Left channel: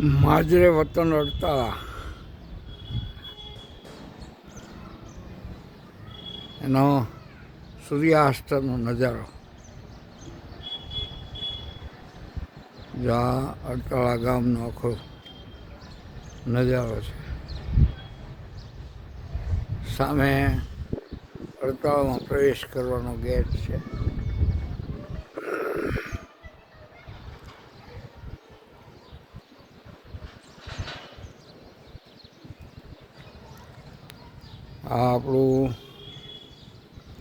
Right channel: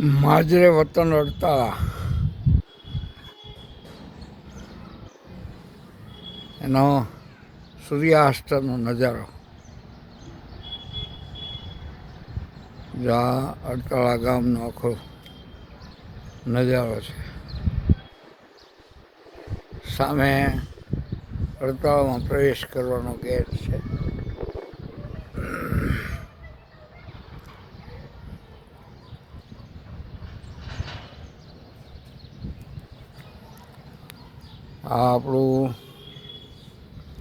માજરે વતન અડતાળા એનો સૂર્યાસ્તનો નજારો. જ્યાં અડતાળા ગામનો આખો નજારો છે. સામે અડતાળામાં પ્રવેશ કરવાનો ગેટ છે. આ આપણું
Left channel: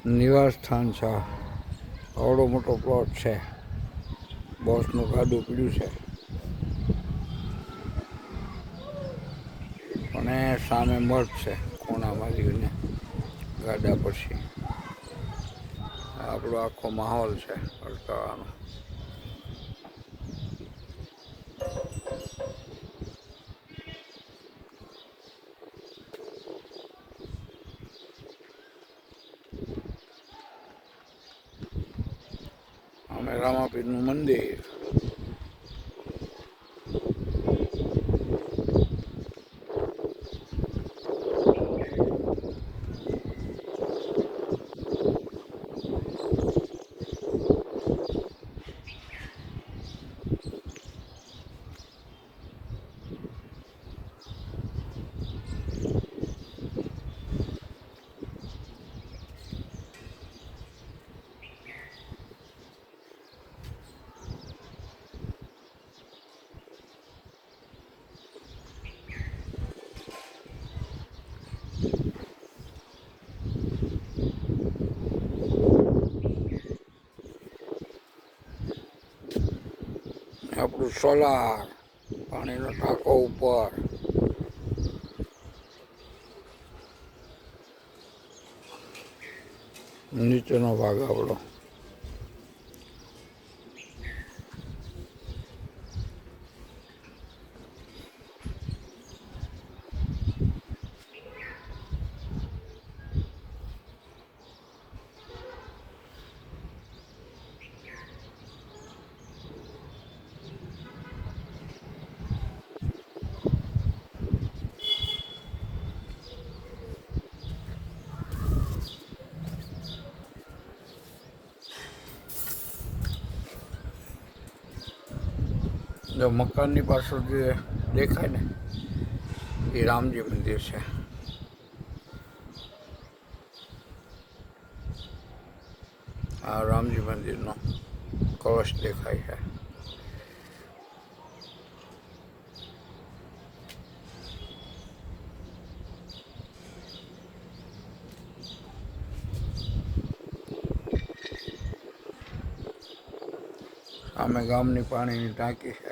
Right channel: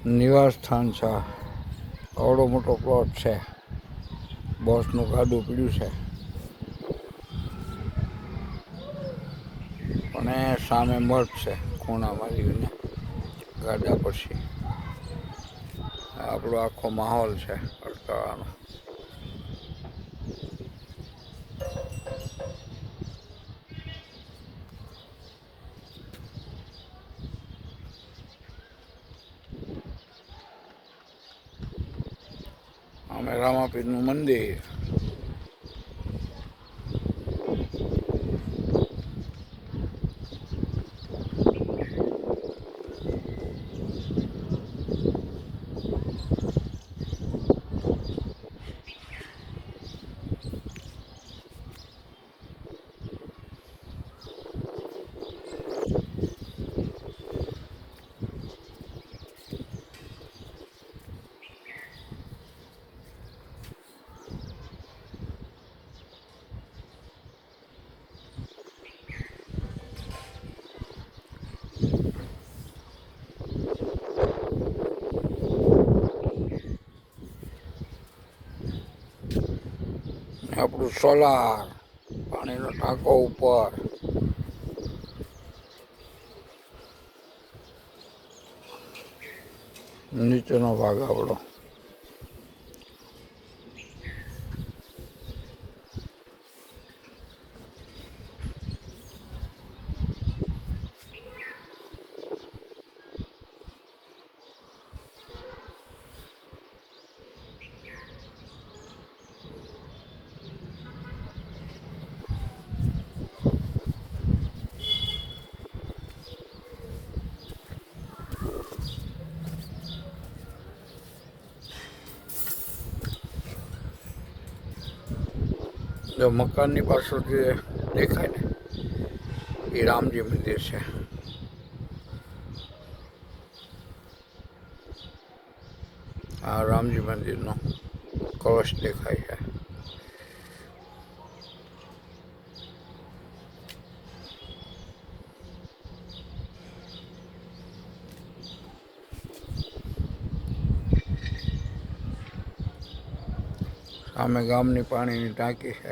નિવાસ સ્થાન છે. આવડો મોટો પ્લોટ છે. બોસનું ગાડું પીડ્યું છે અને સામે મઠ છે ખૂણામાં લીધને ગાડા પછી. આપણો આખો માહોલ છે અડતાળાનો. અમે રામાપીરનું મંદિર. આપણું સોલાર પાણીનો ટાંકો ઉપર. નીચેનો ભાગ આપણો. જો મકાનની પાછળ જે દેખાય ને એ રામજી મંદિર છે. આ રામજી મંદિરનો કળશ દેખાય છે. સામે ગામની પાણીની ટાંકી છે.